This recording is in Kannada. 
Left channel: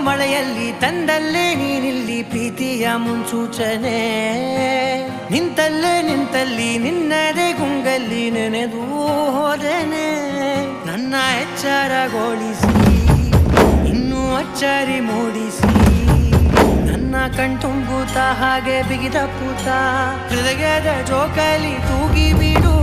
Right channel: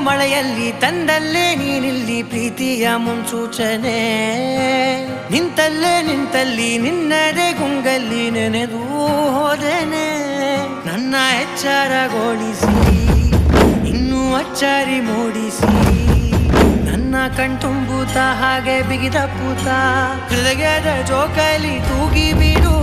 ಮಳೆಯಲ್ಲಿ ತಂದಲ್ಲೇ ನೀನಿಲ್ಲಿ ಪ್ರೀತಿಯ ಮುನ್ಸೂಚನೆ. ನಿಂತಲ್ಲಿ ನಿನ್ನದೇ ಗುಂಗಲ್ಲಿ ನೆನೆದು ಹೋದನೆ. ನನ್ನ ಎಚ್ಚರಗೊಳಿಸಿ ಇನ್ನೂ ಅಚ್ಚರಿ ಮೂಡಿಸಿ, ನನ್ನ ಕಣ್ತುಂಬುತ್ತ ಹಾಗೆ ಬಿಗಿದ ಪೂತ ಹೃದಯದ ಜೋಕಾಲಿ ತೂಗಿ ಬಿಡು.